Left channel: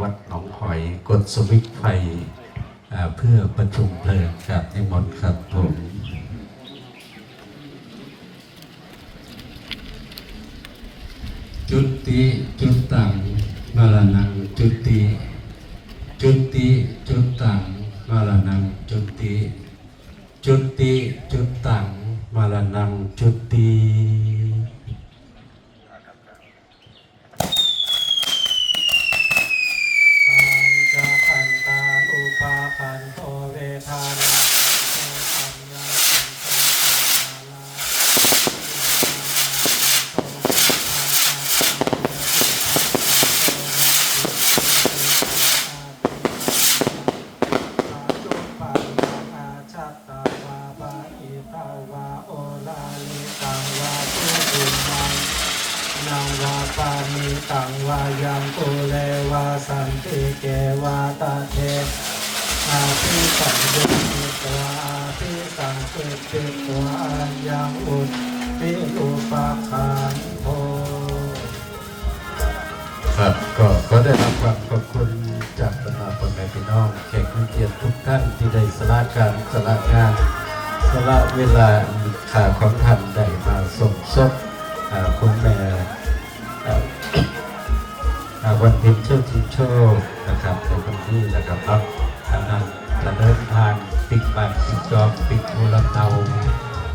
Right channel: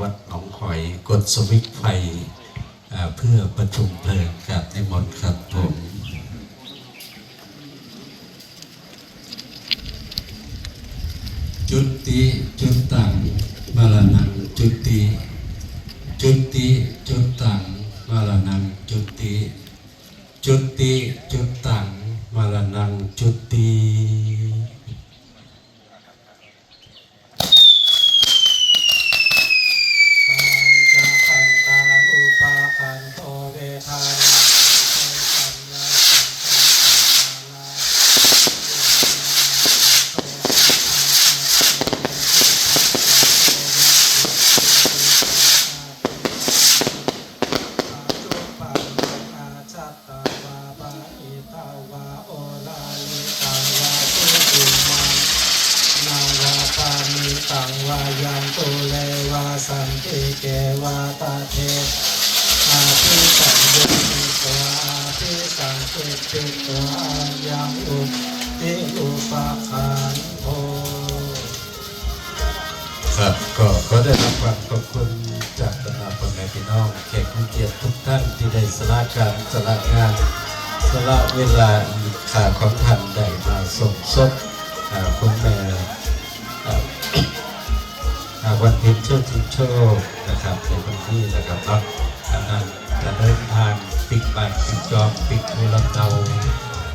วัดหนองหอยกดสวิตช์ไฟเพื่อประชุมเพลิงครับในหมดครับผมจุติจุตตังมรณังจุติจุติจุตตังมรณังจุติจุติจุตตังมรณังจุติตังวายังตุเลวาสันติเกวาตาเทอาภิสังยุติตัวอาภิสังเกติตัวอัญญังอุติอุปาคันโธครับก็ขอได้รับความขอบคุณจากบรรดาพ่อแม่พี่น้องแขกผู้เกียรติทุกท่านที่ได้สละการสละงานสละเวลาขาของท่านได้มาสมทบคุณแม่วันเพ็ญเชิดชิงโชคนะครับในวันที่นะครับรับนำจะเดินทางปิกบัตรปิกจอมปิกโทรเตา